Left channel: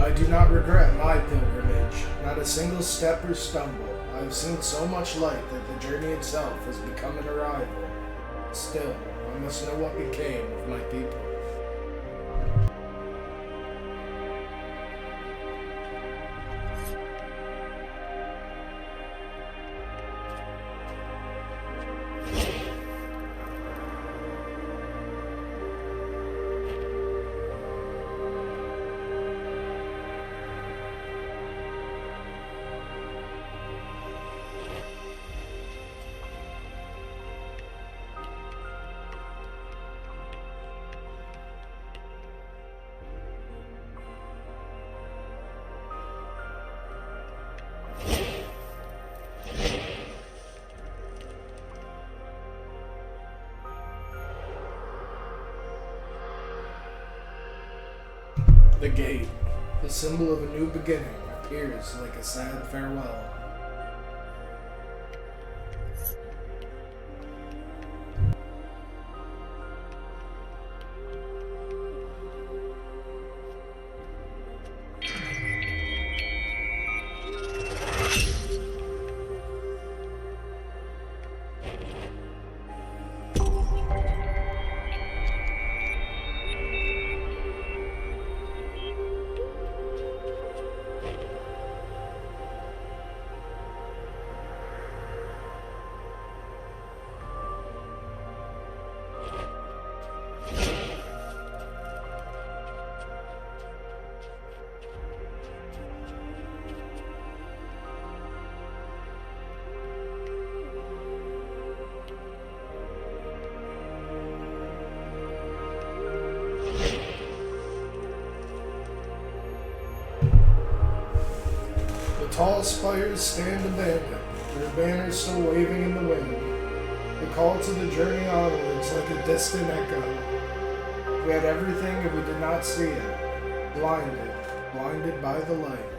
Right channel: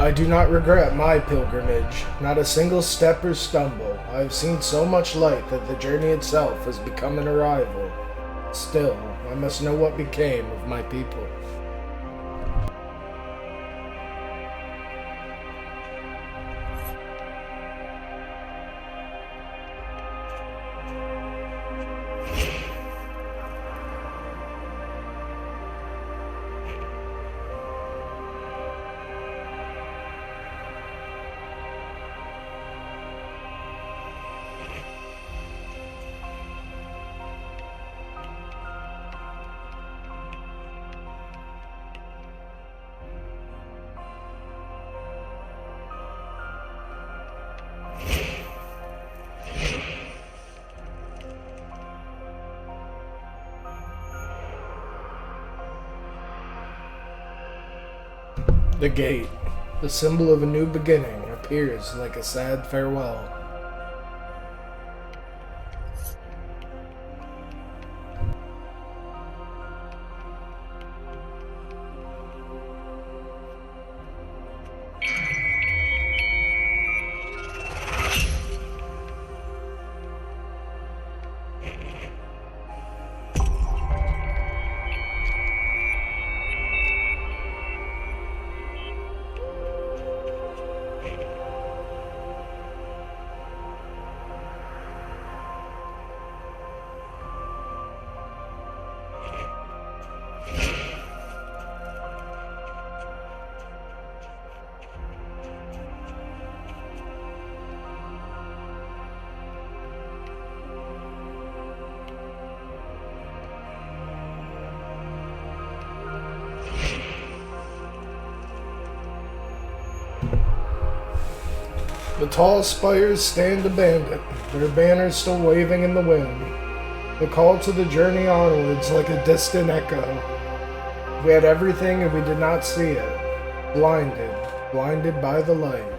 I do not regret my pilgrimage, not a single step or stumble. I have seen so much light that the journey itself has become an arrival. Still, I must know what became of my people. The gate, the symbol of a new beginning, appears like a sad farewell. The tall spires stand abandoned, their banners still waving in the wind. The call to the journey onwards like a distant echo. We had everything and we did not see it. Blinded by the light.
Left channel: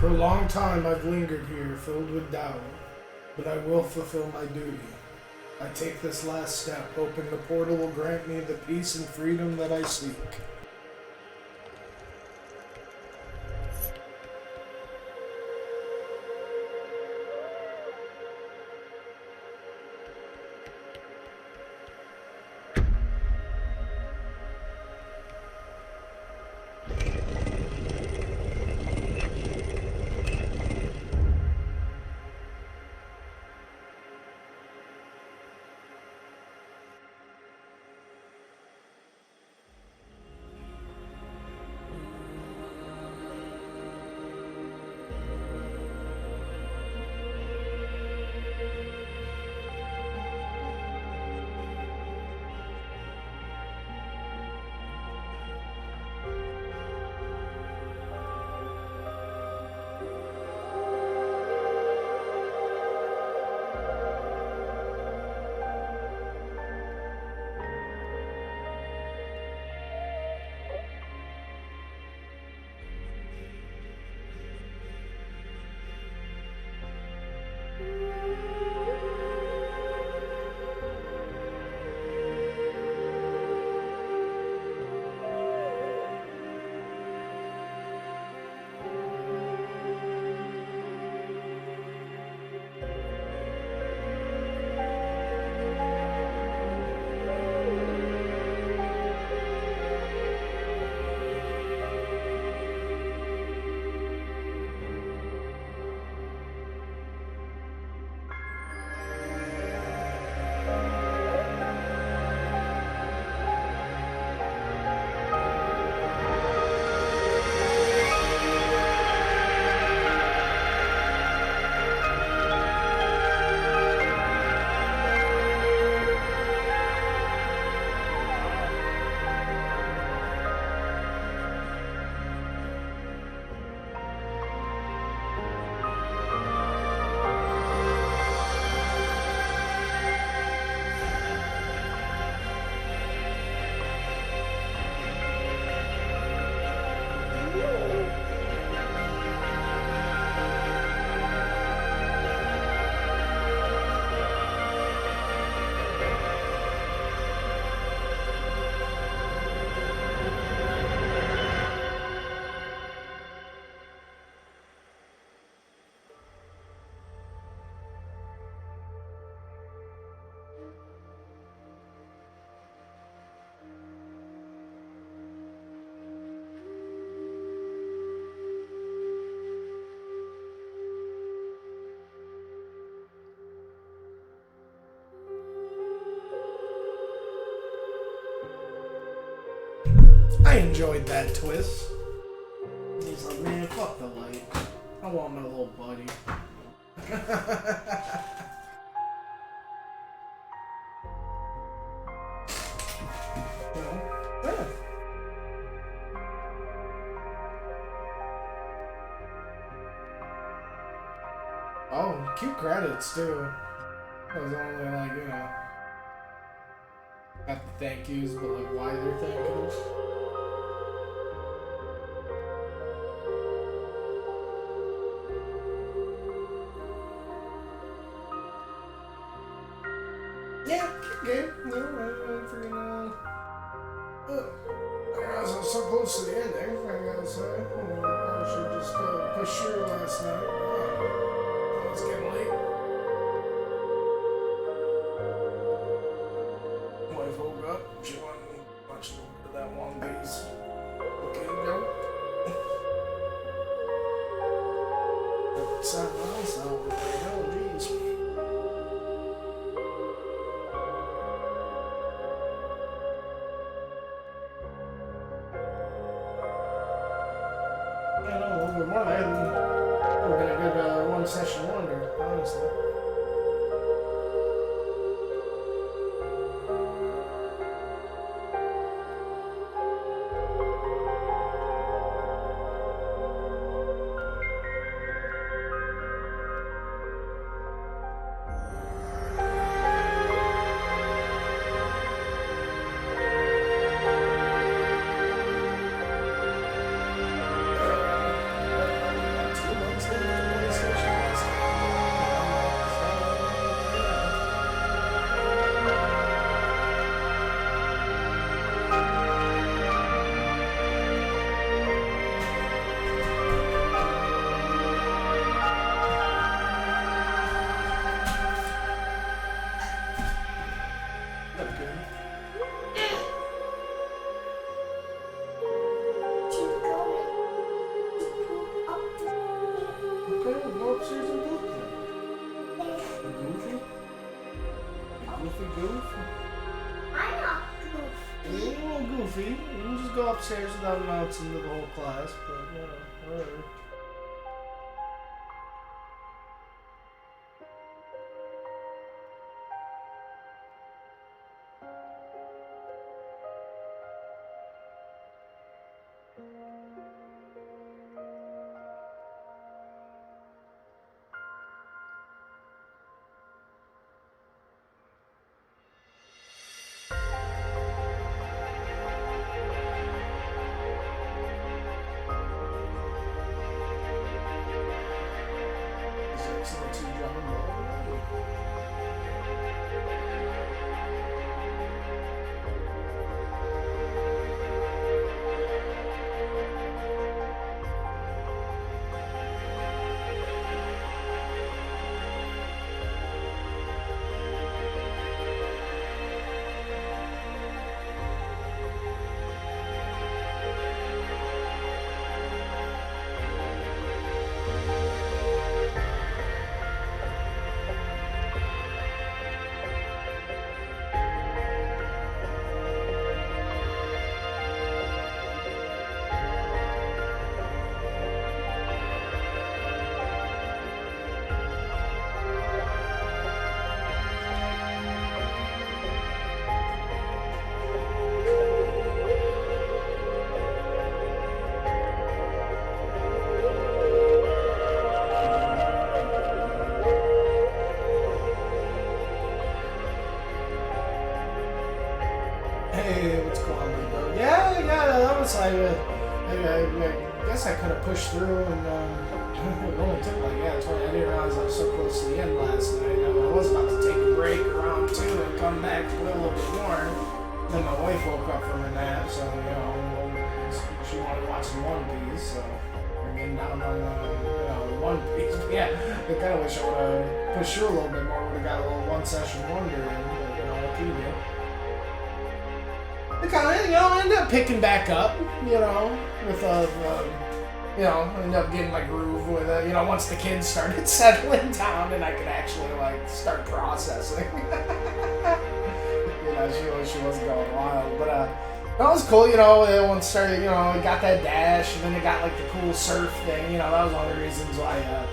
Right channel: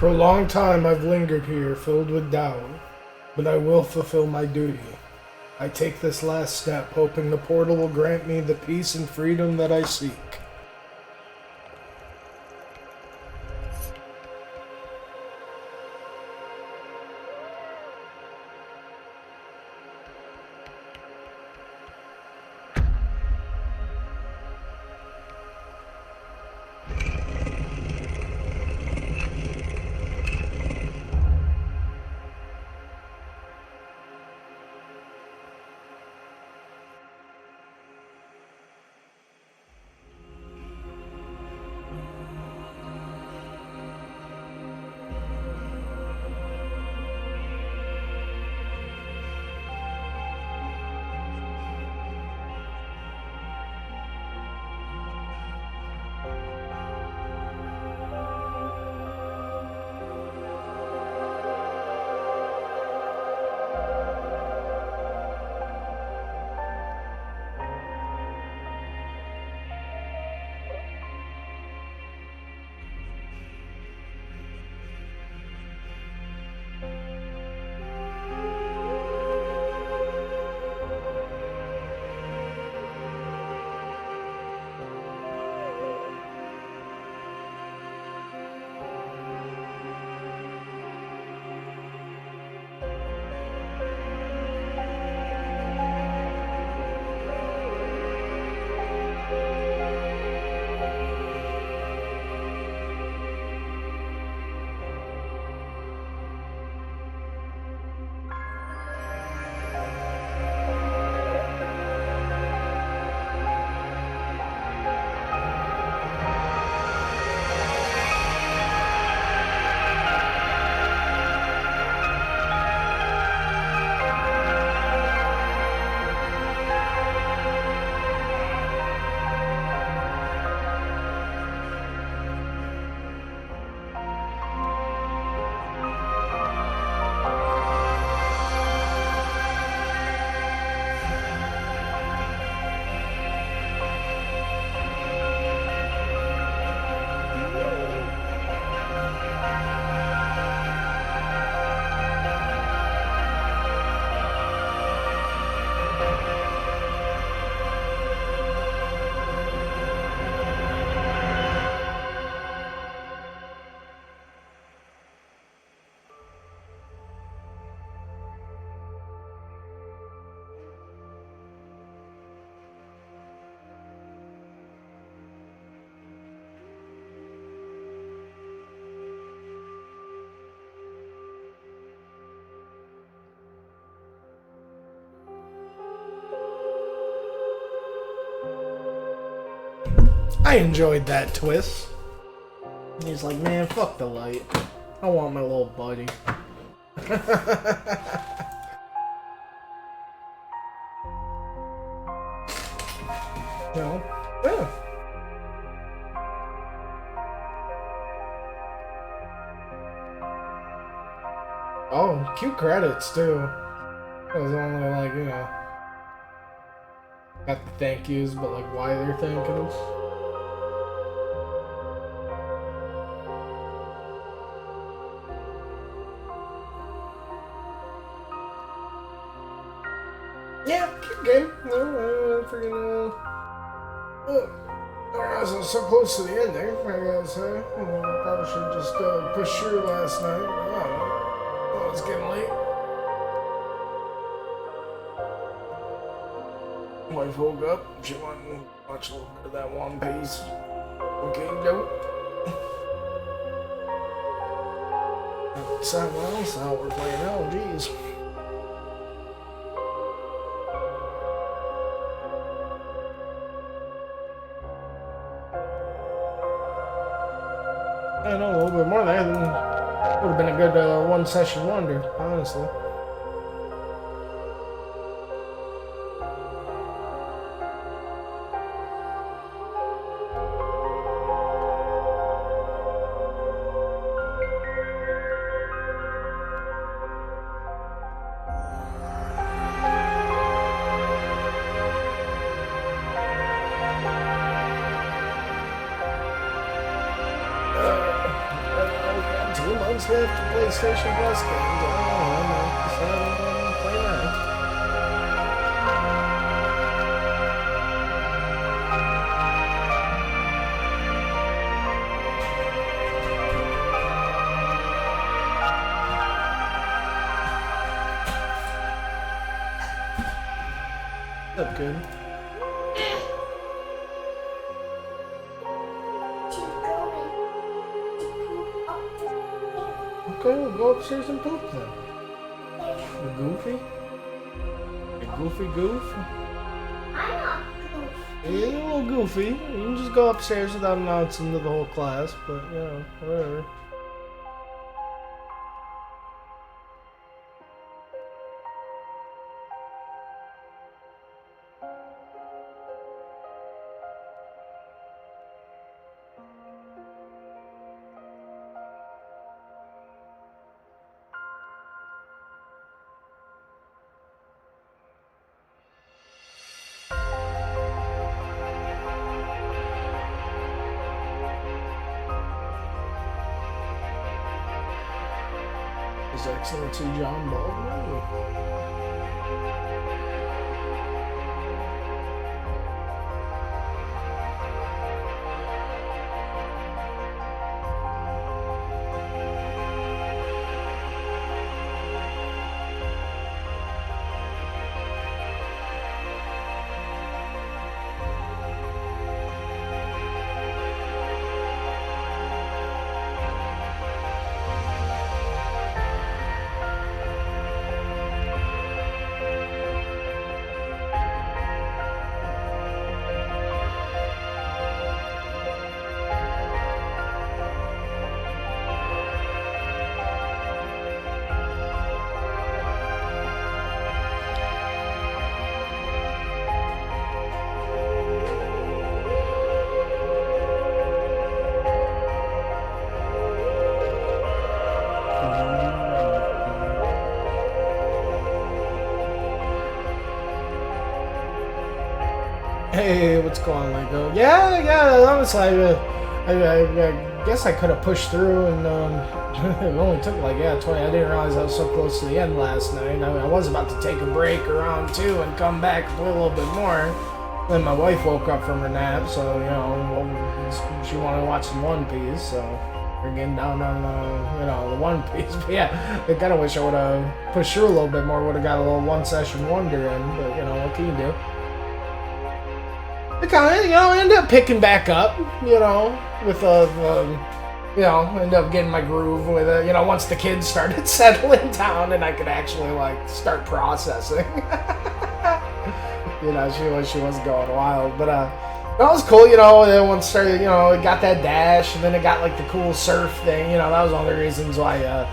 For a long time I've lingered here, filled with doubt, but I will fulfill my duty. I take this last step, hoping the portal will grant me the peace and freedom that I seek. I enjoyed that twist. He's like, man, fuck the light. I want my little buddy. No. Yeah. Oh, cute credits too. That was only like, you know, got the thank yous, but like why they're thanking us. Yeah, cute game. No, freaking I was so close to the ending, I gotta say. Probably should just push through last night. But I don't know. Oh, it's getting late. Wife woke up. She wanted to watch a little bit of that One Piece. Okay, go. So, well, so we're playing LGs. I know a little bit more there. Would have been a good one session wonder, honestly. Swift PlayStation Plus games. I don't know. I'm gonna decide to play that. What's up, kid? Okay, we'll go upstairs and poop then. You goofy? You goofy goof? I'm not goofy. You're a little goofy. You can just go upstairs without announcing to the whole class, but you know, whatever. His Excellency John Baldwin. Hey, what's going on, Michael? Yeah, that was like, I guess I could have pushed through, and it only took like 20. I didn't realize I was so close to the end last night. I was about to take a break around 2 and come back and play a little bit more. Then my wife woke up from her nap, so you know, she wanted to watch some One Piece, so we're getting down on the One Piece. But yeah, I kind of wish I would have pushed through a little bit more. Would have got a little one session wonder in, but you know, what can you do? I kind of, ended up picking back up, with ended up getting my groove with it, once the kids started settling down and I could actually, start processing. She was going wild, but, that was cool, once started, it got that dash, and then it got, the cool surf thing, that was one of the reasons why,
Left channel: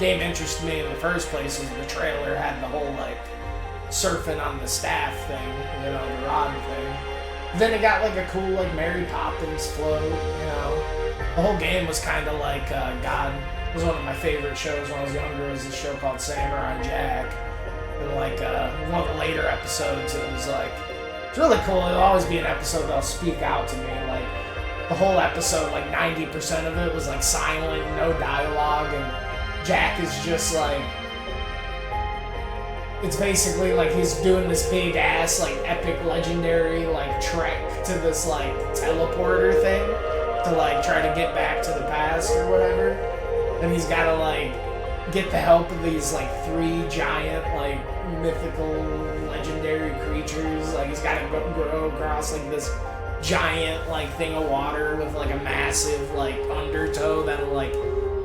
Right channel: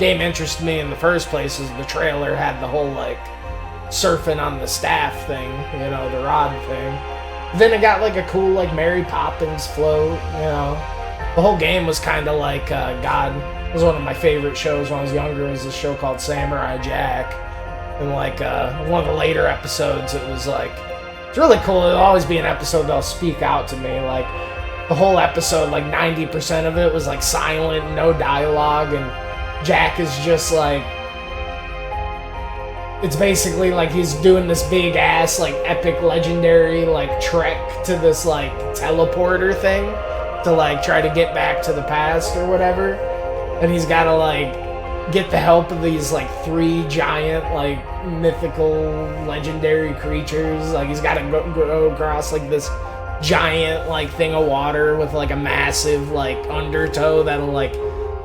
game interested me in the first place, was the trailer had the whole, surfing on the staff thing, the rod thing. Then it got a cool Mary Poppins float, The whole game was kind of God. It was one of my favorite shows when I was younger. It was a show called Samurai Jack. And one of the later episodes, it was it's really cool. It'll always be an episode that'll speak out to me. The whole episode, 90% of it was silent, no dialogue, and Jack is just it's basically he's doing this big ass epic legendary trek to this teleporter thing to try to get back to the past or whatever, and he's got to get the help of these 3 giant mythical legendary creatures. He's got to go across this giant thing of water with a massive undertow that'll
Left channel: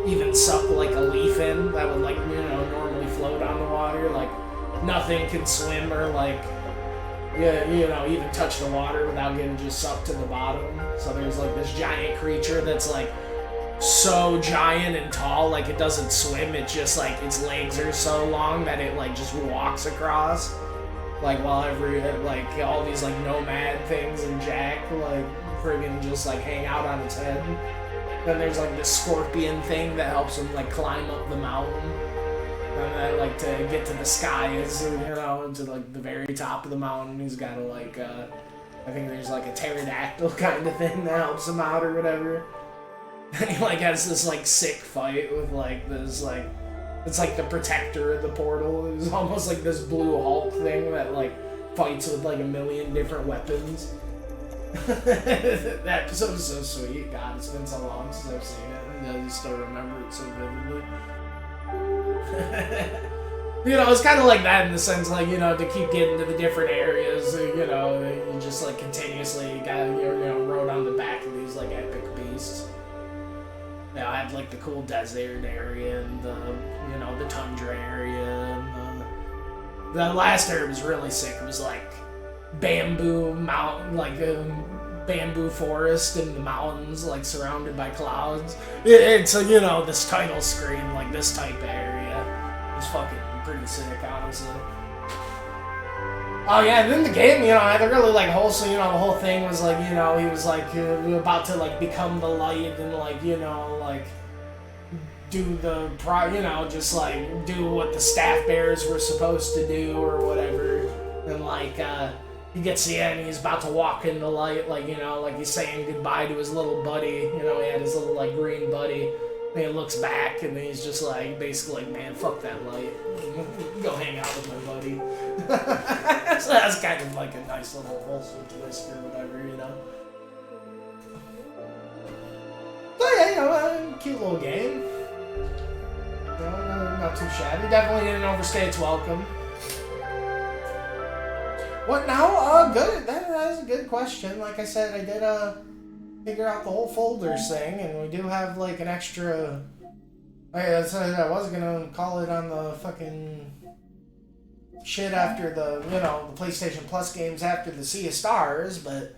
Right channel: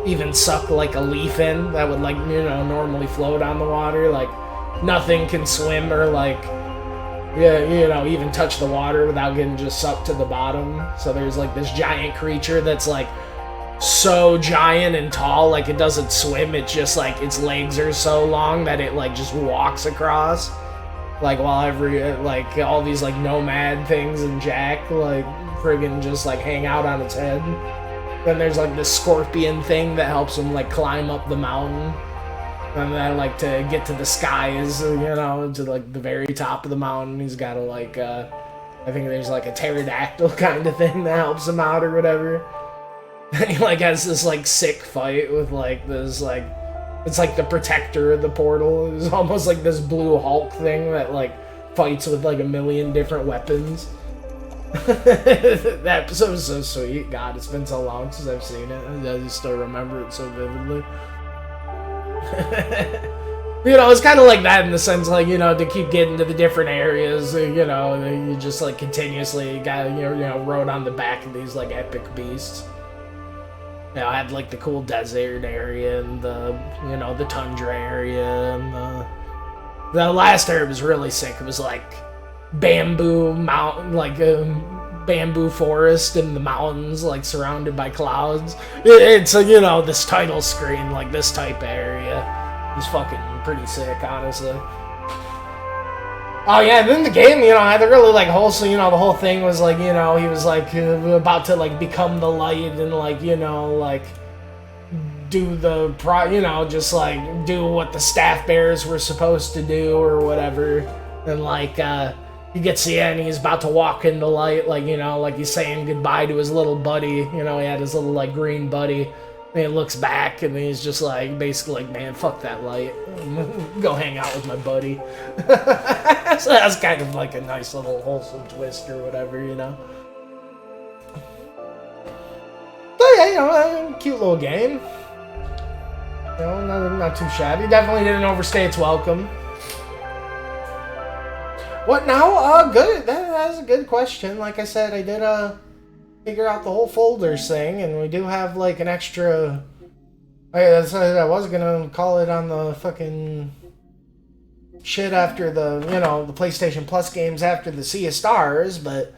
even suck a leaf in that would normally float on the water. Nothing can swim or even touch the water without getting just sucked to the bottom. So there's this giant creature that's so giant and tall, it doesn't swim. It's just its legs are so long that it just walks across. While all these nomad things and Jack friggin' just hang out on its head. Then there's this scorpion thing that helps him climb up the mountain. And then, to get to the skies, to the very top of the mountain, he's got to I think there's a pterodactyl kind of thing that helps him out or whatever. He like has this like sick fight with like this like it's like the protector of the portal. It's almost like this blue Hulk thing that like fights with like a million different weapons. That episode was so sweet. God, it's been so long since I've seen it. I just still remember it so vividly. You know, it's kind of like that in the sense, like, you know, to keep getting to the different areas, you know, you just like continuously got, you know, rode on the back of these like epic beasts. You know, I had like the cool desert area and the, you know, the tundra area and the last area was really sick. It was like bamboo mountain, like bamboo forest in the mountains, like surrounded by clouds. It's you know, this title screen, like this type of area was fucking pretty sick, honestly. Oh yeah, and then the game, you know, had a really like wholesome, you know, the whole thing was like, you know, he was like about to like become the light and like, you know, like do the you know, just like do what the staff bearers were supposed to do or whatever. And like he gets the end, he's about to walk in the light, like, you know, like he's saying goodbye to his little buddy, you know, he had his little like green buddy. And he looks back and he's just like, basically like, man, fuck that light. Go hang out with my buddy. So that's kind of like a nice little wholesome twist or whatever, you know. But yeah, you know, cute little game. You know, not too shabby. Definitely didn't overstay its welcome. What now? Good. That's a good question. Like I said, I did figure out the whole folders thing, and we do have like an extra. I was gonna call it on the fucking shit after the, you know, the PlayStation Plus games after the Sea of Stars, but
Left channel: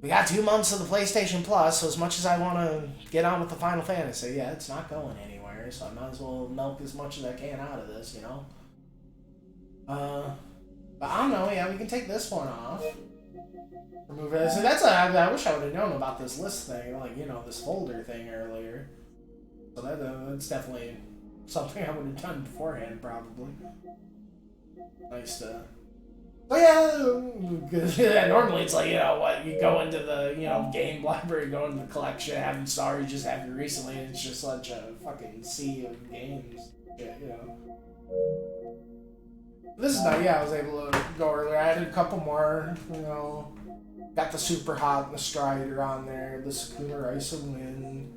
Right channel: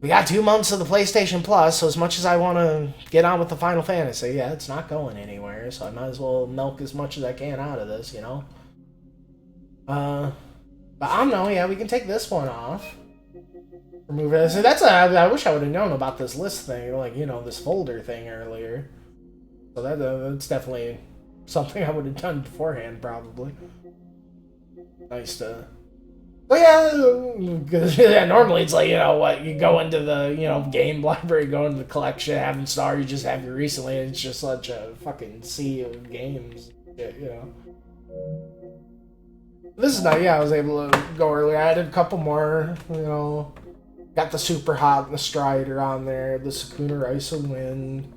we got 2 months of the PlayStation Plus, so as much as I want to get on with the Final Fantasy, yeah, it's not going anywhere, so I might as well milk as much as I can out of this, you know. But OMNO, yeah, we can take this one off. Remove it. So I wish I would have known about this list thing, like, you know, this folder thing earlier. So that's definitely something I would have done beforehand, probably. Nice to. But yeah, normally it's like, you know what, you go into the, you know, game library, go into the collection, have installed, you just have it recently, and it's just such a fucking sea of games, shit, you know. This is nice, yeah, I was able to go earlier. I added a couple more, you know. Got the Super Hot and the Strider on there, the Sakuna Ice of Wind.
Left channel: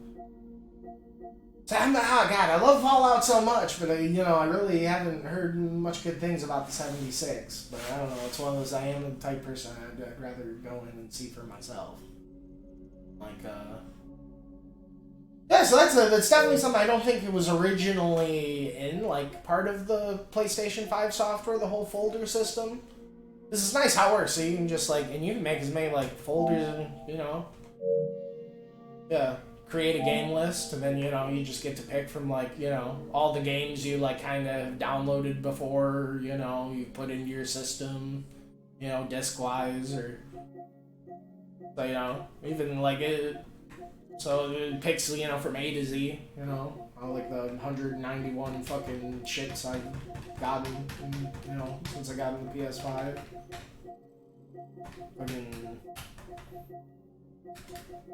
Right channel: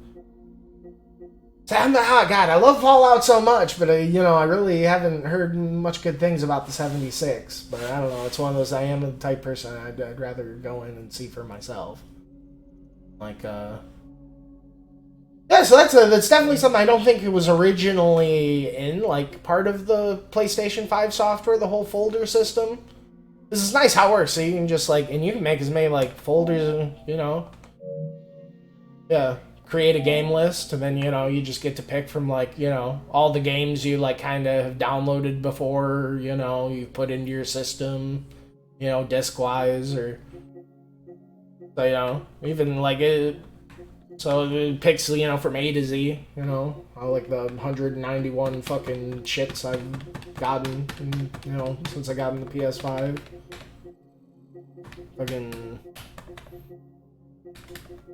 So God, I love Fallout so much, but you know, I really haven't heard much good things about the 76. But I don't know, it's one of those, I am the type person I'd rather go in and see for myself. Like, yeah, so that's definitely something I don't think it was originally in, like, part of the PlayStation 5 software, the whole folder system. This is nice how it works, so you can just, like, and you can make as many, like, folders, you know. Yeah, create a game list, and then, you know, you just get to pick from, like, you know, all the games you, like, kind of have downloaded before, you know, you've put into your system, you know, disc-wise, or, so, you know, even, like, so it picks, you know, from A to Z, you know, all, like, the 191 fucking shits I've gotten, you know, since I got in the PS5. Fucking.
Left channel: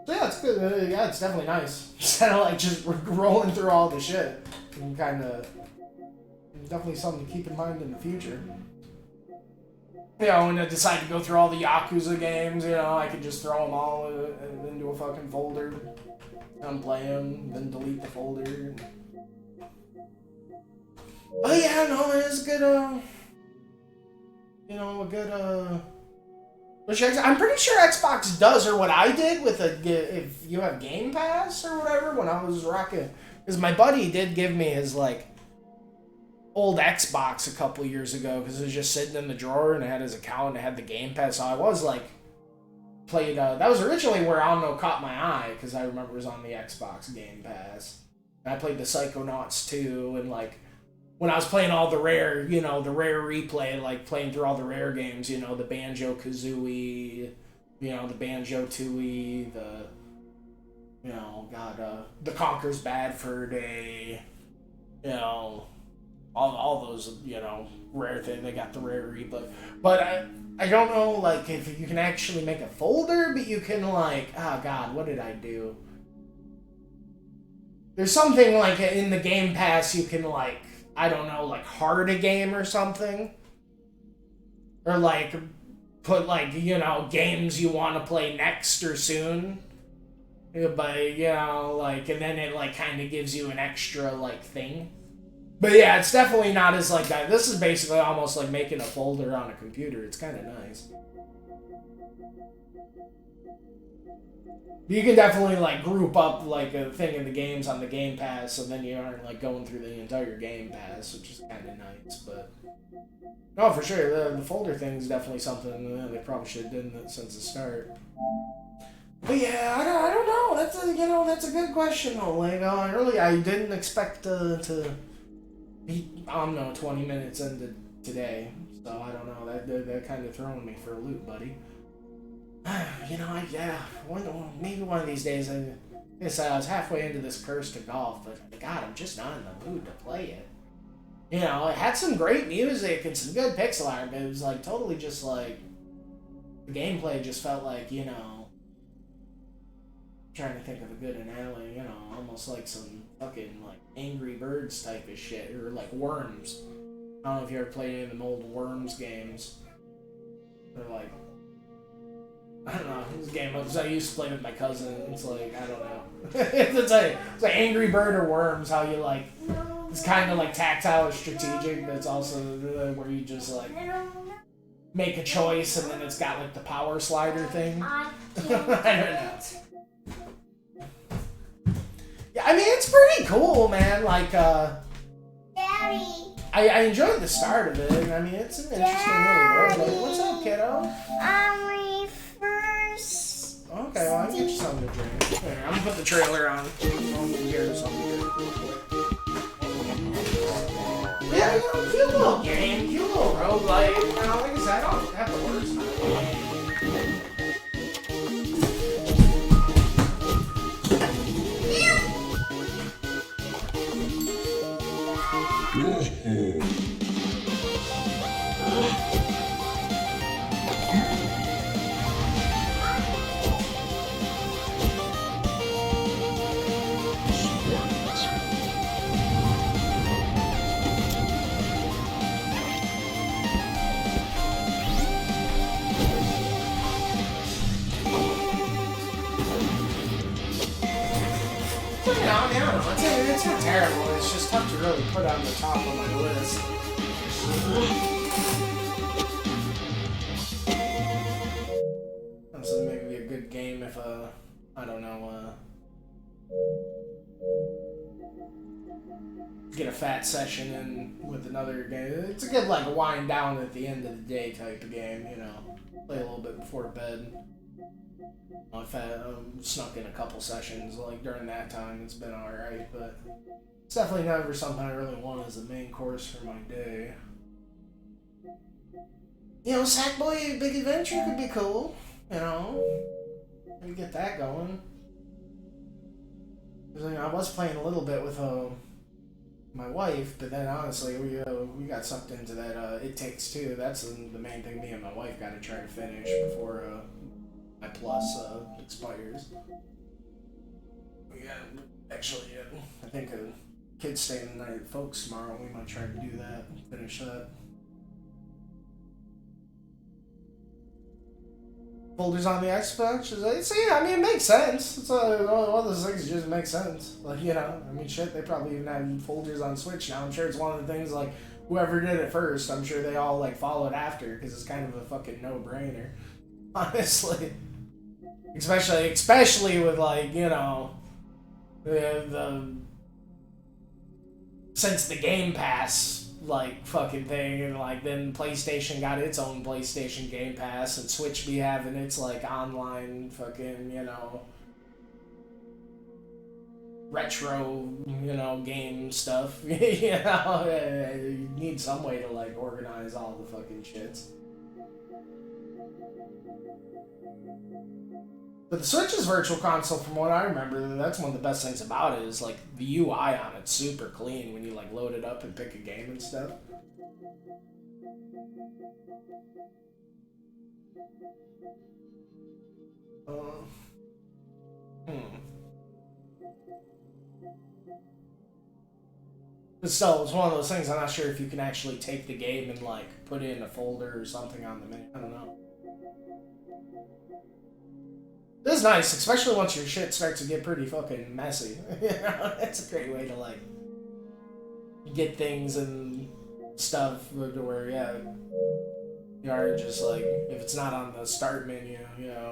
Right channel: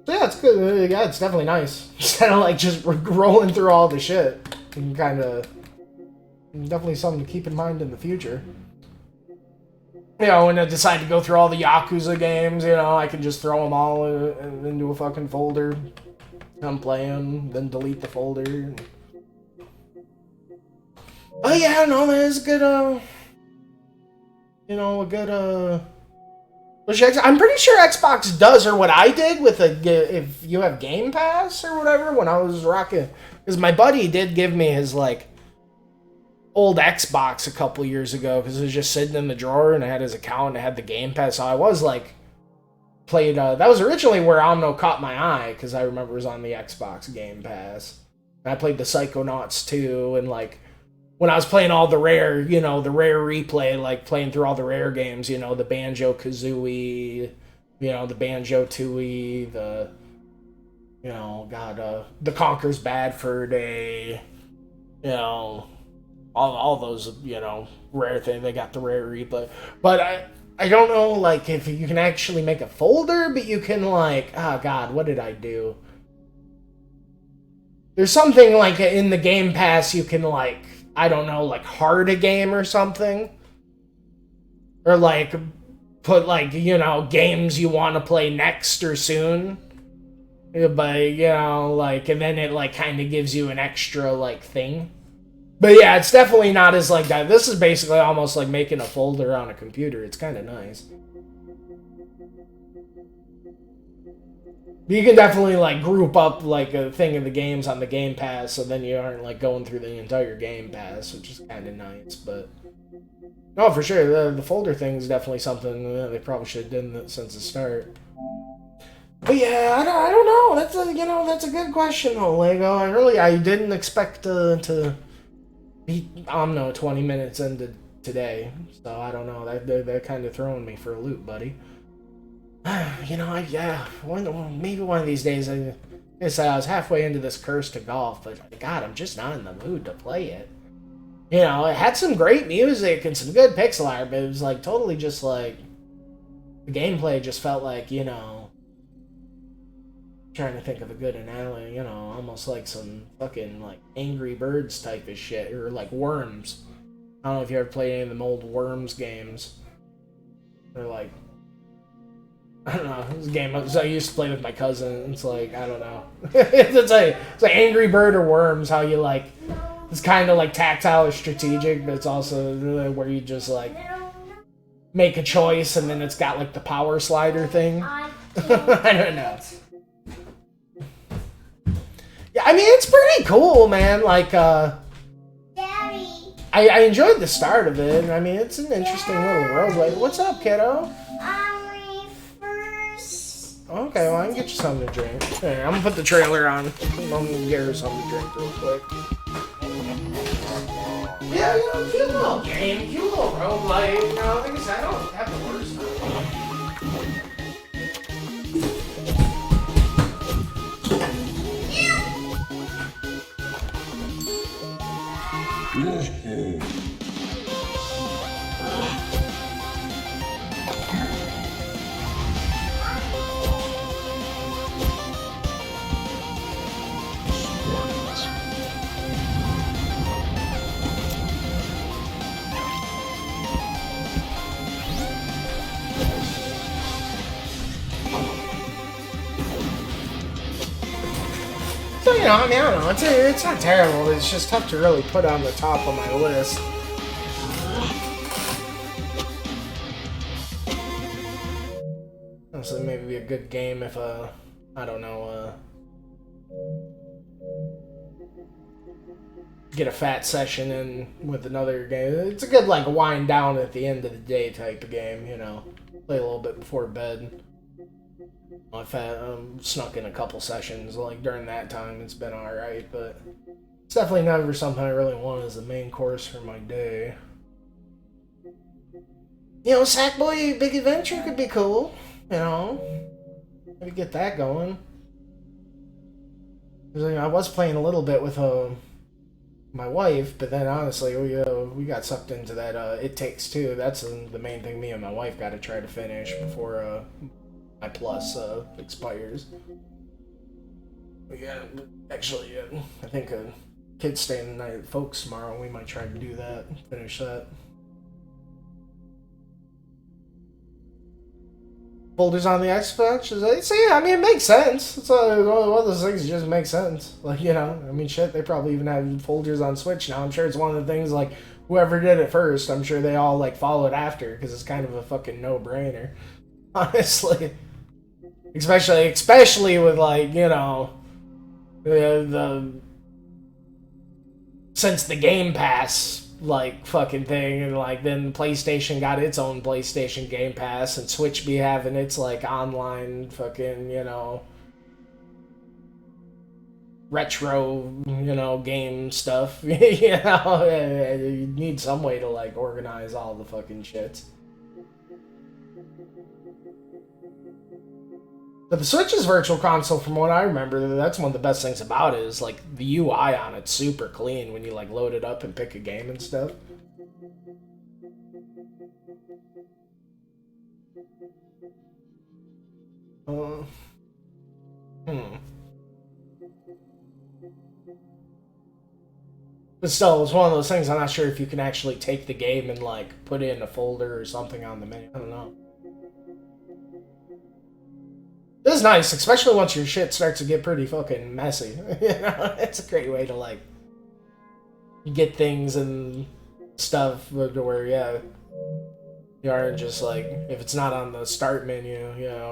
So yeah, it's good. Yeah, it's definitely nice. Instead of like just rolling through all the shit, and kind of definitely something to keep in mind in the future. You know, when I decide to go through all the Yakuza games, you know, I can just throw them all into a fucking folder, and play them, then delete the folder. Oh yeah, no, there's a good, you know, a good, I'm pretty sure Xbox does, or what I did with if you have Game Pass or whatever, when I was rocking, because my buddy did give me his, like, old Xbox a couple years ago, because it was just sitting in the drawer, and I had his account, and I had the Game Pass, so I was, like, played, that was originally where OMNO caught my eye, because I remember it was on the Xbox Game Pass. And I played the Psychonauts 2, and, like, when I was playing all the rare, you know, the rare replay, like playing through all the rare games, you know, the Banjo-Kazooie, you know, the Banjo-Tooie, the, you know, God, the Conker's Bad Fur Day, you know, all those, you know, rare things. They got the rare replay. But I don't know, like, if you can actually make a folder, but you can, like, oh, God, what did I do? There's something like in the Game Pass you can like, I don't know, like heart a game or something. Or like put like, you know, games you want to play next or soon. But, you know, like, and then it like kind of gives you an extra like thing. But yeah, it's definitely not as like that. This is basically almost like making a folder on a computer. It's kind of nice. You can definitely like group up like a thing of the games on the Game Pass, so then you aren't like going through the entire Game Pass, which is kind of nice. But no, for sure, the folder thing is definitely something they probably should have done since the start. But yeah, I don't know. That's a that's a good question though, Lego. I didn't expect to beat OMNO 20 minutes into today, so I don't know. They're kind of throwing me for a loop, buddy. Maybe one of these days. I was halfway into this Curse to Golf, but God, I'm just not in the mood to play it. You know, it had some great music and some good pixel art, but it was like totally just like the gameplay just felt like, you know, trying to think of a good analogy, you know, almost like some fucking like Angry Birds type of shit, or like Worms. I don't know if you ever played any of them old Worms games. They're like, I don't know. This game I used to play with my cousin. It's like, I don't know. it's like Angry Bird or Worms. How you like, it's kind of like tactile or strategic, but it's also really where you just like make a choice and then it's got like the power slider thing. I don't know. Yeah, I mean it's pretty cool, man. Like, Daddy. I enjoyed the start of it. I mean, it's an interesting little world. Like, what's up, kiddo? Okay, well, I can get you something to drink. Here, I'm gonna put the trailer on. I'm gonna get her something to drink real quick. Yeah, you know, cute little game, cute little roguelike. You know, like I said, I don't have the worst So, you know, I mean, I don't know. It's not terrible. It's just tough to really put on the top of my list. So maybe be a good game if, I don't know, get a fat session in with another game. It's a good, like, wind down at the end of the day type of game, you know. Play a little bit before bed. I've snuck in a couple sessions, like, during that time. It's been alright, but it's definitely never something I really want as the main course for my day. You know, Sackboy Big Adventure could be cool, you know. Maybe get that going. Because, you know, I was playing a little bit with my wife, but then honestly, we got sucked into that It Takes Two. That's the main thing me and my wife got to try to finish before my plus expires. Yeah, actually, I think kid's staying the night at folks tomorrow. We might try to do that, finish that. Folders on the Xbox? See, I mean, it makes sense. It's one of those things that just makes sense. Like, you know, I mean, shit, they probably even have folders on Switch now. I'm sure it's one of the things, like, whoever did it first, I'm sure they all, like, followed after, because it's kind of a fucking no-brainer. Honestly. Especially with, like, you know, since the Game Pass, like, fucking thing, and, like, then PlayStation got its own PlayStation Game Pass, and Switch be having its, like, online fucking, you know, retro, you know, game stuff. You know, you need some way to, like, organize all the fucking shits. But the Switch's Virtual Console, from what I remember, that's one of the best things about it, is, like, the UI on it's super clean when you, like, load it up and pick a game and stuff. But still, it's one of those things. I'm not sure if you can actually take the game and like put it in a folder or something on the menu. I don't know. This is nice, especially once your shit starts to get pretty fucking messy. You know, it's a great way to like get things and stuff to where you aren't just like if it's not on the start menu,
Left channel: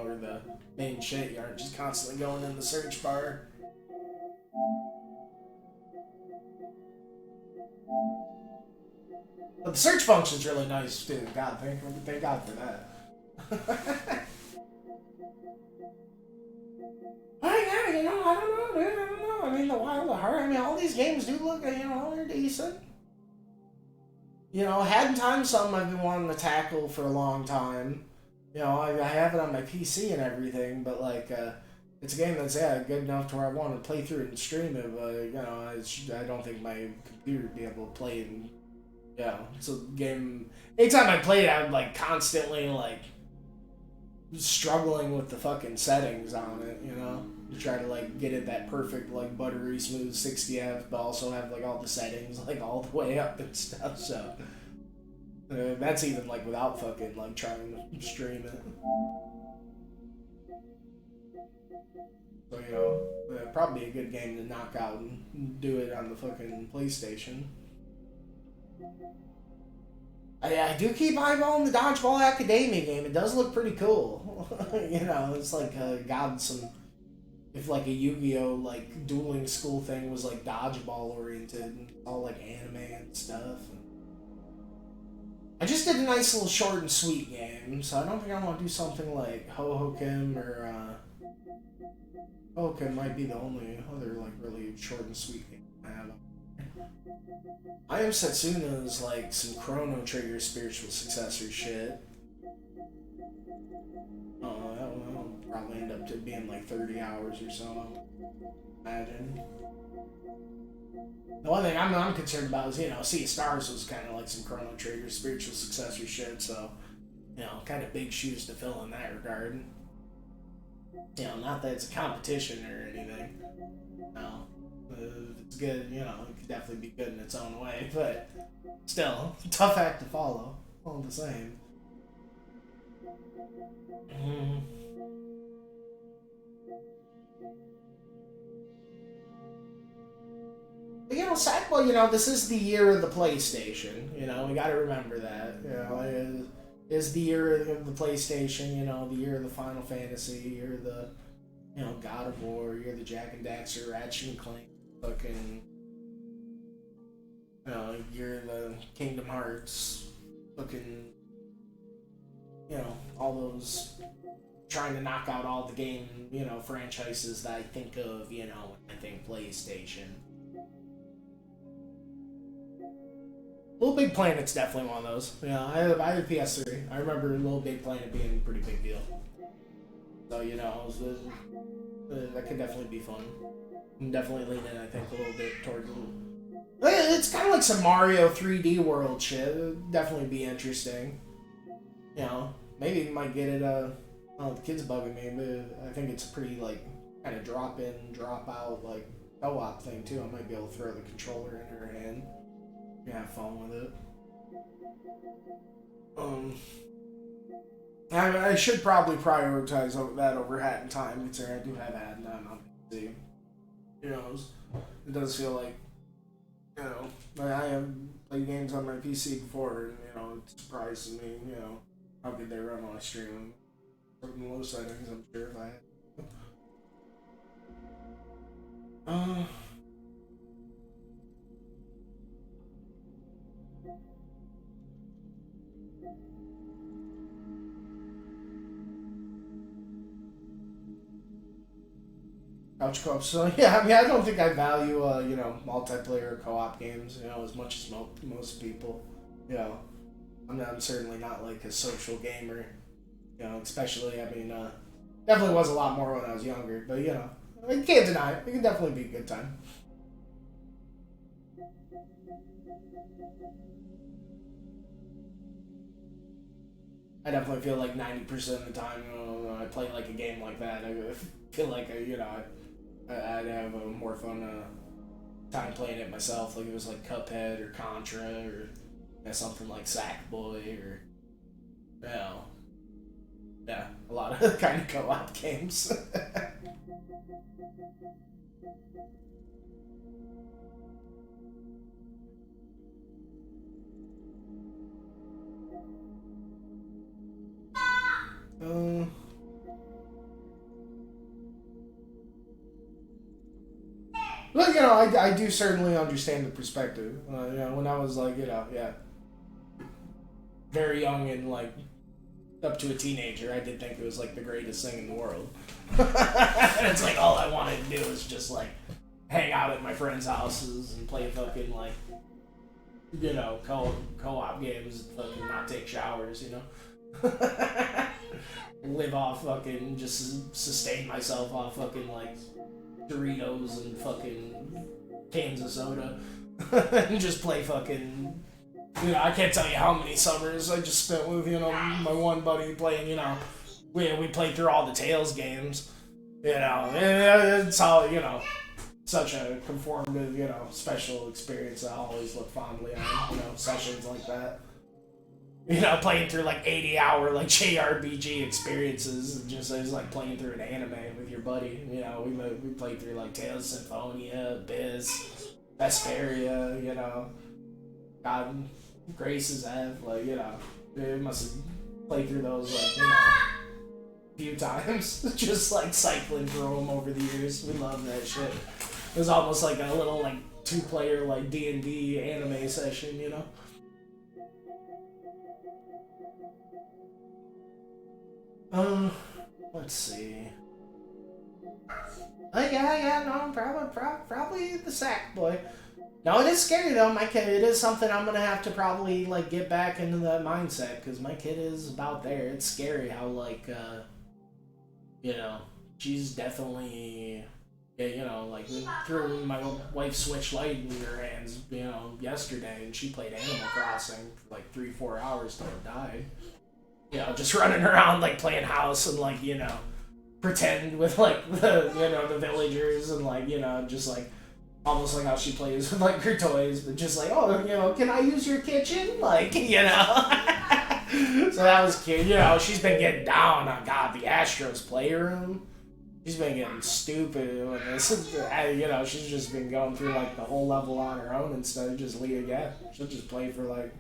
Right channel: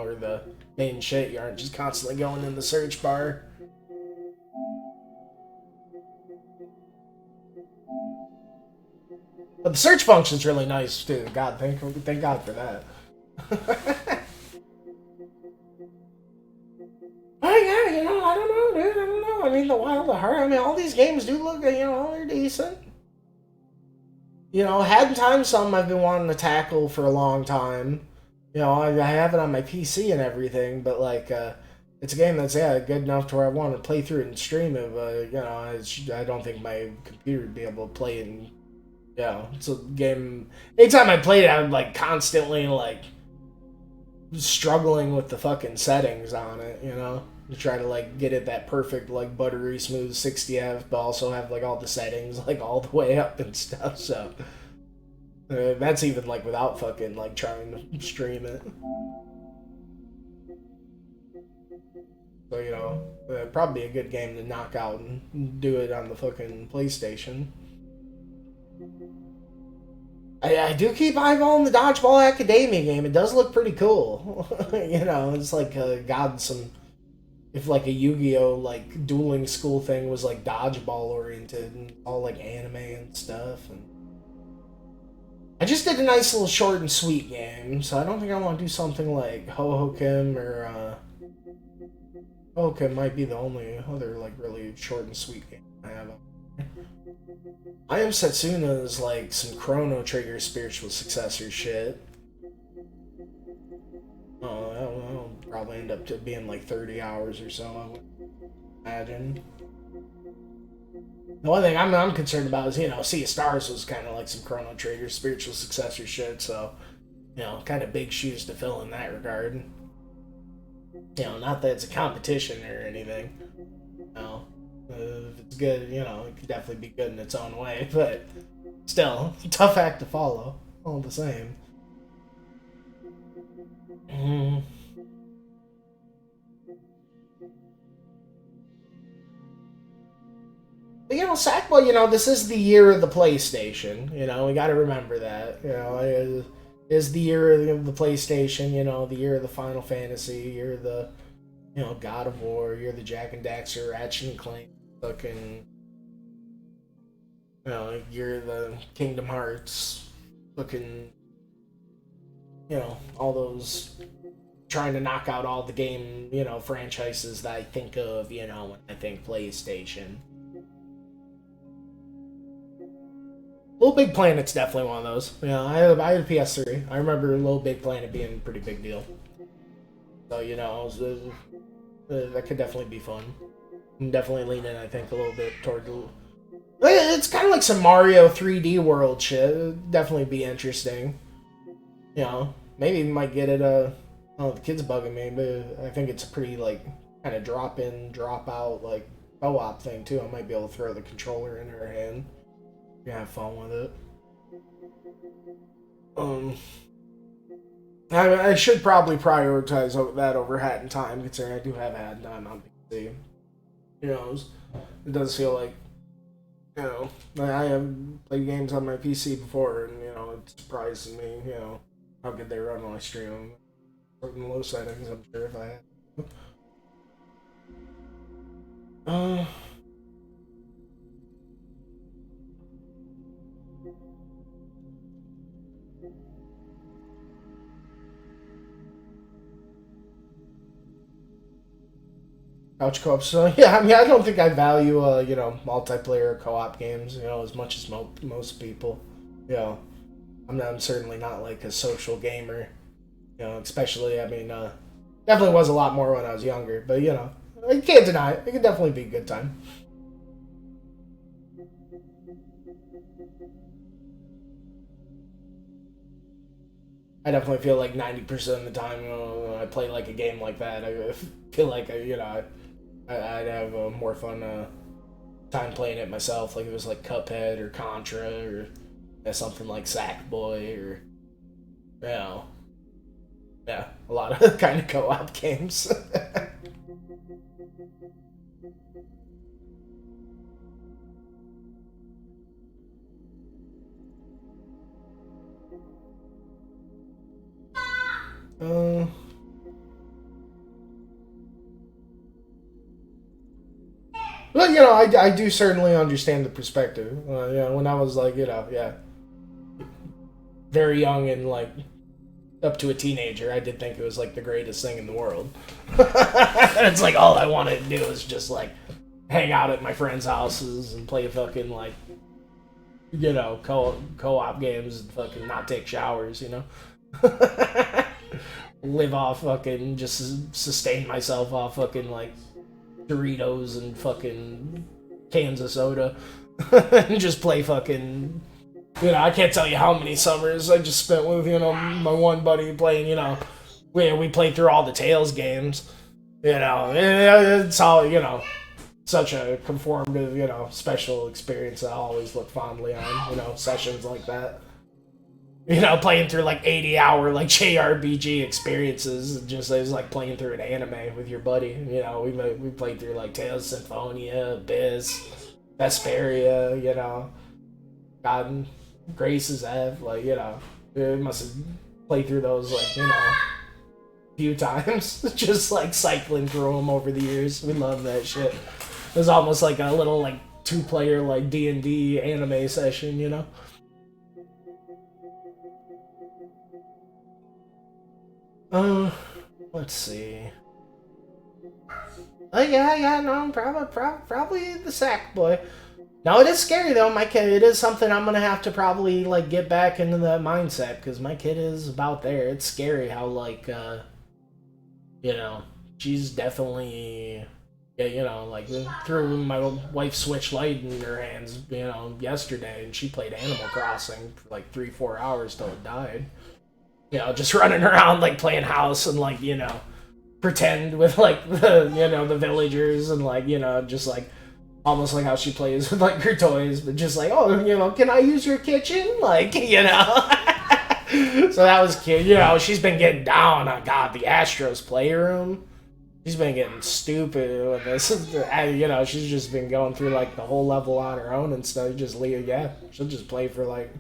or the main shit, you aren't just constantly going in the search bar. But the search function's really nice too. God, thank God for that. Oh yeah, I don't know, dude. I don't know. I mean, the Wild at Heart. I mean, all these games do look, they're decent. Had time some I've been wanting to tackle for a long time. I have it on my PC and everything, but like, it's a game that's good enough to where I want to play through it and stream it. But I don't think my computer would be able to play it. And, it's a game. Anytime I played it, I would like constantly like struggling with the fucking settings on it. To try to like get it that perfect like buttery smooth 60 F, but also have like all the settings like all the way up and stuff. So that's even like without fucking like trying to stream it. So probably a good game to knock out and do it on the fucking PlayStation. I do keep eyeballing the Dodgeball Academia game. It does look pretty cool. It's like got some. If like a Yu-Gi-Oh like dueling school thing was like dodgeball oriented and all like anime and stuff. And I just did a nice little short and sweet game, so I don't think I want to do something like Hohokum or Hohokum might be the only other like really short and sweet game I have. I Am Setsuna is like some Chrono Trigger spiritual successor shit. That'll probably end up to being like 30 hours or so, I would imagine. The one thing I'm concerned about is, Sea of Stars was kind of like some Chrono Trigger spiritual successor shit, so, kind of big shoes to fill in that regard. Not that it's a competition or anything. If it's good, it could definitely be good in its own way, but still, tough act to follow, all the same. But, Sackboy, this is the year of the PlayStation. We got to remember that. It is the year of the PlayStation. The year of the Final Fantasy, year of the, God of War, year of the Jack and Daxter, Ratchet and Clank, fucking, year of the Kingdom Hearts, fucking, all those trying to knock out all the game, franchises that I think of, when I think PlayStation. Little Big Planet's definitely one of those. I had a PS3. I remember Little Big Planet being a pretty big deal. So, that could definitely be fun. I'm definitely leaning, I think, a little bit toward it's kind of like some Mario 3D World shit. It'd definitely be interesting. Maybe we might get it, oh, the kid's bugging me, but I think it's a pretty, like, kind of drop in, drop out, like, co-op thing, too. I might be able to throw the controller in her hand. Have fun with it. I should probably prioritize that over Hat in Time, considering I do have Hat in Time on PC. It does feel like, I have played games on my PC before, and, it surprises me, how good they run when I stream them. Certain low settings, I'm sure if I had. Couch co-op. So yeah, I mean, I don't think I value multiplayer co-op games, as much as most people. I'm certainly not like a social gamer. Especially, I mean, definitely was a lot more when I was younger. But I can't deny it. It can definitely be a good time. I definitely feel like 90% of the time when I play like a game like that, I feel like I'd have more fun time playing it myself. Like it was like Cuphead or Contra or something like Sackboy or you know, yeah, a lot of kind of co-op games. uh, Well, you know, I do certainly understand the perspective. You know, when I was like, you know, yeah, very young and like up to a teenager, I did think it was like the greatest thing in the world. And it's like all I wanted to do was just like hang out at my friends' houses and play fucking like, you know, co-op games and fucking not take showers, you know. Live off fucking, just sustain myself off fucking like Doritos and fucking cans of soda. And just play fucking, you know, I can't tell you how many summers I just spent with, you know, my one buddy playing, you know, we played through all the Tales games, you know, it's all, you know, such a conformative, you know, special experience I always look fondly on, you know, sessions like that. You know, playing through like 80-hour like JRPG experiences, just it was like playing through an anime with your buddy. You know, we played through like Tales of Symphonia, Abyss, Vesperia, you know, God Grace's F, like, you know, we must have played through those like, you know, a few times, just like cycling through them over the years. We love that shit. It was almost like a little like 2-player like D&D anime session, you know. Let's see. Oh yeah, no, probably the Sackboy. No, it is scary though. My kid, it is something I'm gonna have to probably like get back into that mindset because my kid is about there. It's scary how like, you know, she's definitely, yeah, you know, like threw my wife's Switch Lite in her hands, you know, yesterday, and she played Animal Crossing for like 3-4 hours till it died. You know, just running around like playing house and like, you know, pretend with like the, you know, the villagers and like, you know, just like almost like how she plays with like her toys, but just like, oh, you know, can I use your kitchen? Like, you know. So that was cute. You know, she's been getting down on, God, the Astros playroom. She's been getting stupid with this. You know, she's just been going through like the whole level on her own and stuff. Just leave, yeah, she'll just play for like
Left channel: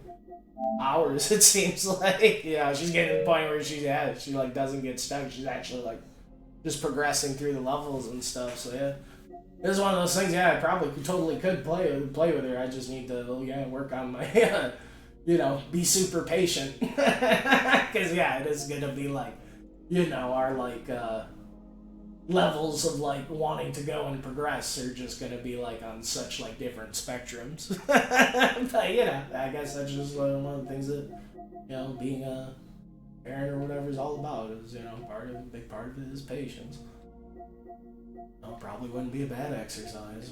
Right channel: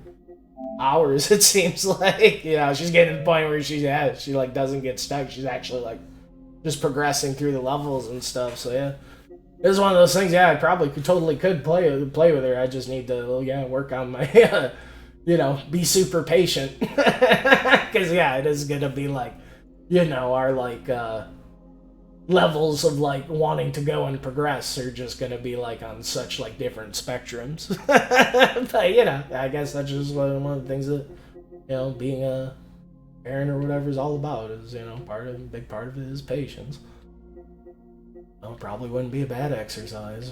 hours, it seems like. You know, she's getting to the point where she like doesn't get stuck. She's actually like just progressing through the levels and stuff. So yeah, this is one of those things. Yeah, I probably totally could play with her. I just need to, yeah, work on my you know, be super patient. Because yeah, it is gonna be like, you know, our like levels of like wanting to go and progress are just gonna be like on such like different spectrums. But you know, I guess that's just one of the things that, you know, being a parent or whatever is all about, is, you know, big part of it is patience. Well, probably wouldn't be a bad exercise.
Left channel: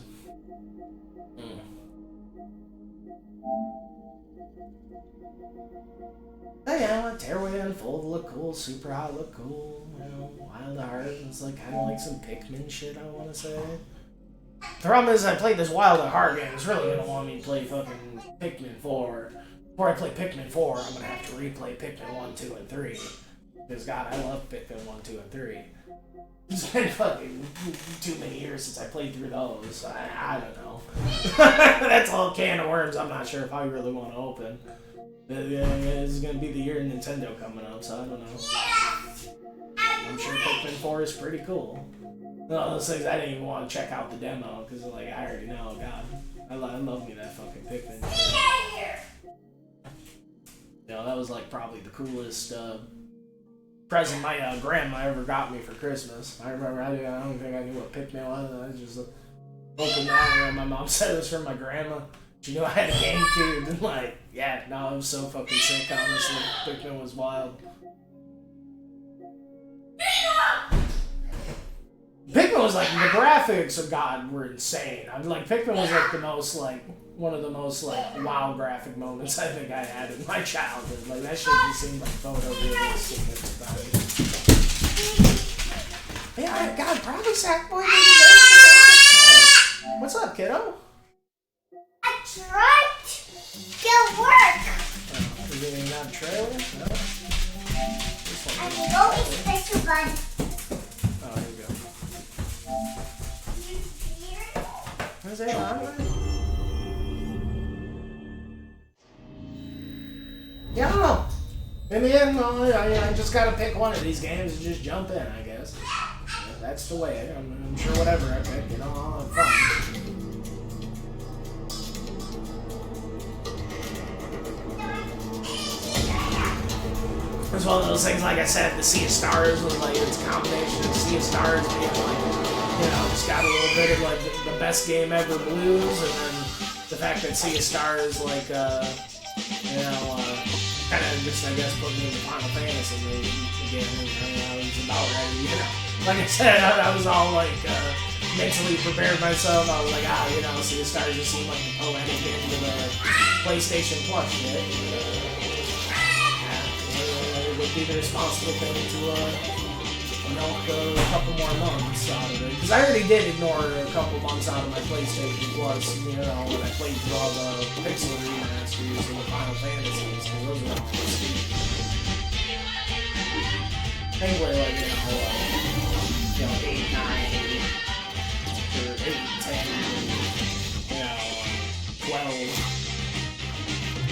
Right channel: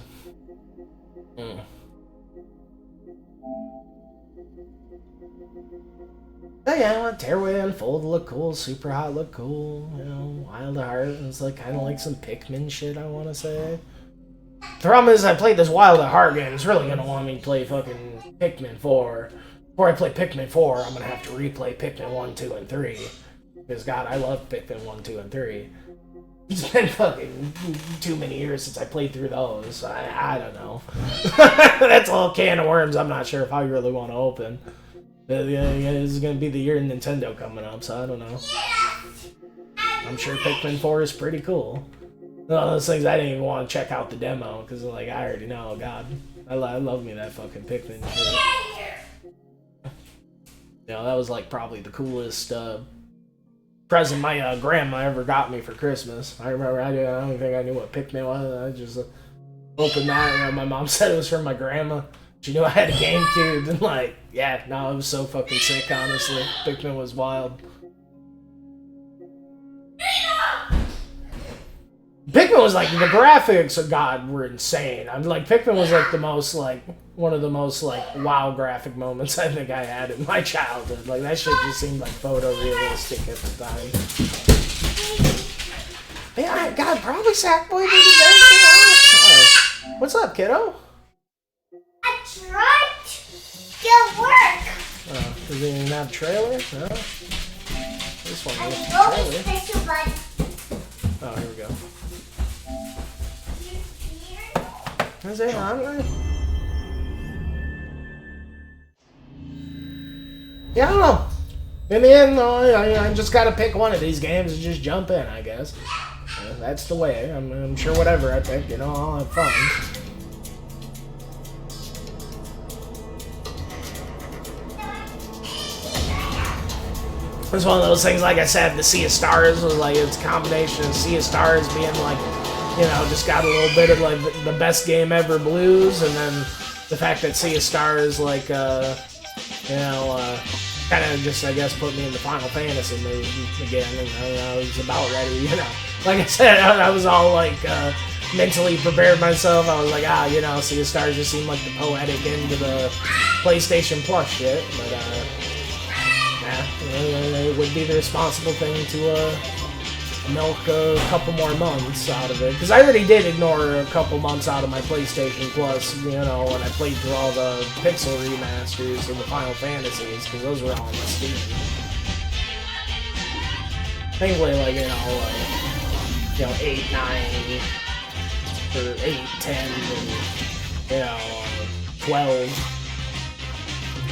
But yeah, Tearaway Unfold look cool, Super Hot look cool, you know, Wild at Heart, and it's like kind of like some Pikmin shit, I want to say. The problem is I played this Wild at Heart game, it's really going to want me to play fucking Pikmin 4. Before I play Pikmin 4, I'm going to have to replay Pikmin 1, 2, and 3. Because, God, I love Pikmin 1, 2, and 3. It's been fucking too many years since I played through those. I don't know. That's a little can of worms I'm not sure if I really want to open. Yeah, this is gonna be the year of Nintendo coming up, so I don't know. I'm sure Pikmin 4 is pretty cool. One of those things I didn't even want to check out the demo, because like, I already know, God. I love me that fucking Pikmin shit. You know, that was like probably the coolest present my grandma ever got me for Christmas. I remember, I don't think I knew what Pikmin was. I just opened that, and my mom said it was from my grandma. She knew I had a GameCube, and like, yeah, no, it was so fucking sick, honestly. Pikmin was wild. Pikmin was like, the graphics of God were insane. I'm like, Pikmin was like the most like, one of the most like wow graphic moments I think I had in my childhood. Like, that shit just seemed like photorealistic at the time. Yeah, God, probably Sackboy did it. What's up, kiddo? right. Good work. Does it even have a trailer? No. This one has a Oh, trailer. special bud. Oh, here we go. Is it on right? Yeah, I don't know. In the end, though, I just gotta pick one of these games and just jump in, I guess. That's the way. I'm sure whatever I pick, I'll have fun. It's one of those things, like I said, the Sea of Stars was like, it's a combination of Sea of Stars being like, just got a little bit of like the best game ever blues, and then the fact that Sea of Stars, like, kind of just, I guess, put me into Final Fantasy again, and I was about ready, Like I said, I was all like, mentally prepared myself. I was like, Sea of Stars just seemed like the poetic end of the PlayStation Plus shit, but, it would be the responsible thing to milk a couple more months out of it. Because I already did ignore a couple months out of my PlayStation Plus, when I played through all the Pixel remasters and the Final Fantasies, because those were all on Steam. Thankfully, 8, 9, or 8, 10, and, 12.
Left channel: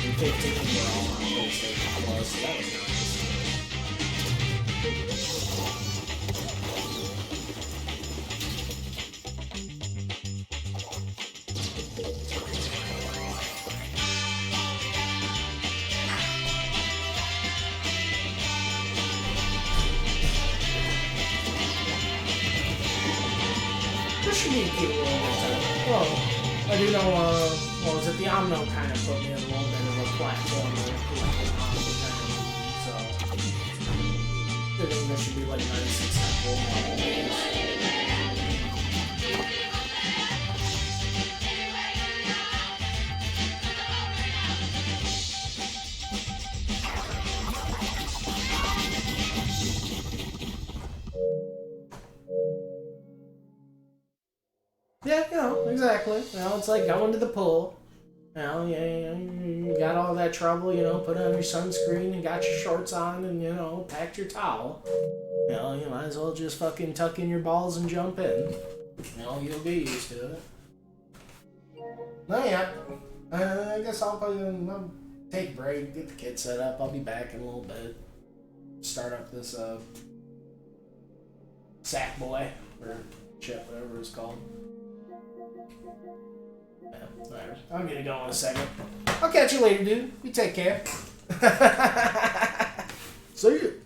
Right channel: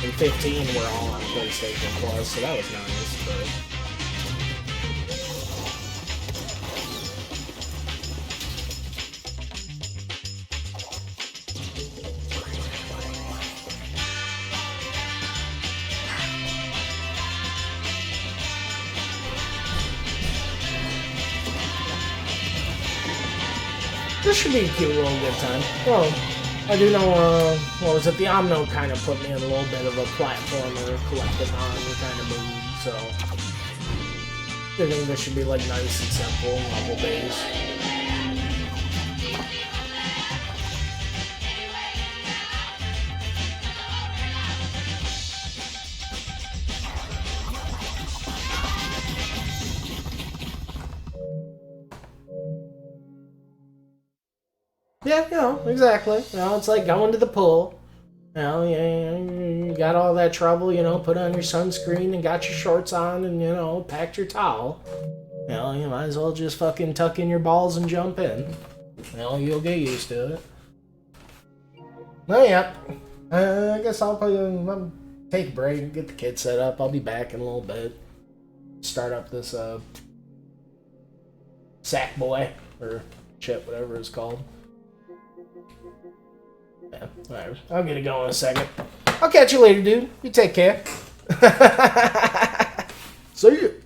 And 15 were all on PlayStation Plus, so that was nice. This should be a cute little good time. Well, I do know, the OMNO kind of put me in a little bit of a platformer collectathon kind of mood, so I think this should be like nice and simple, level based. Yeah, exactly. It's like going to the pool. You got all that trouble, put on your sunscreen and got your shorts on and, packed your towel. You might as well just fucking tuck in your balls and jump in. You'll get used to it. Oh, yeah. I guess I'll take a break, get the kids set up. I'll be back in a little bit. Start up this, Sackboy, or Chip, whatever it's called. Yeah, alright. I'll get it going in a second. I'll catch you later, dude. You take care. See you.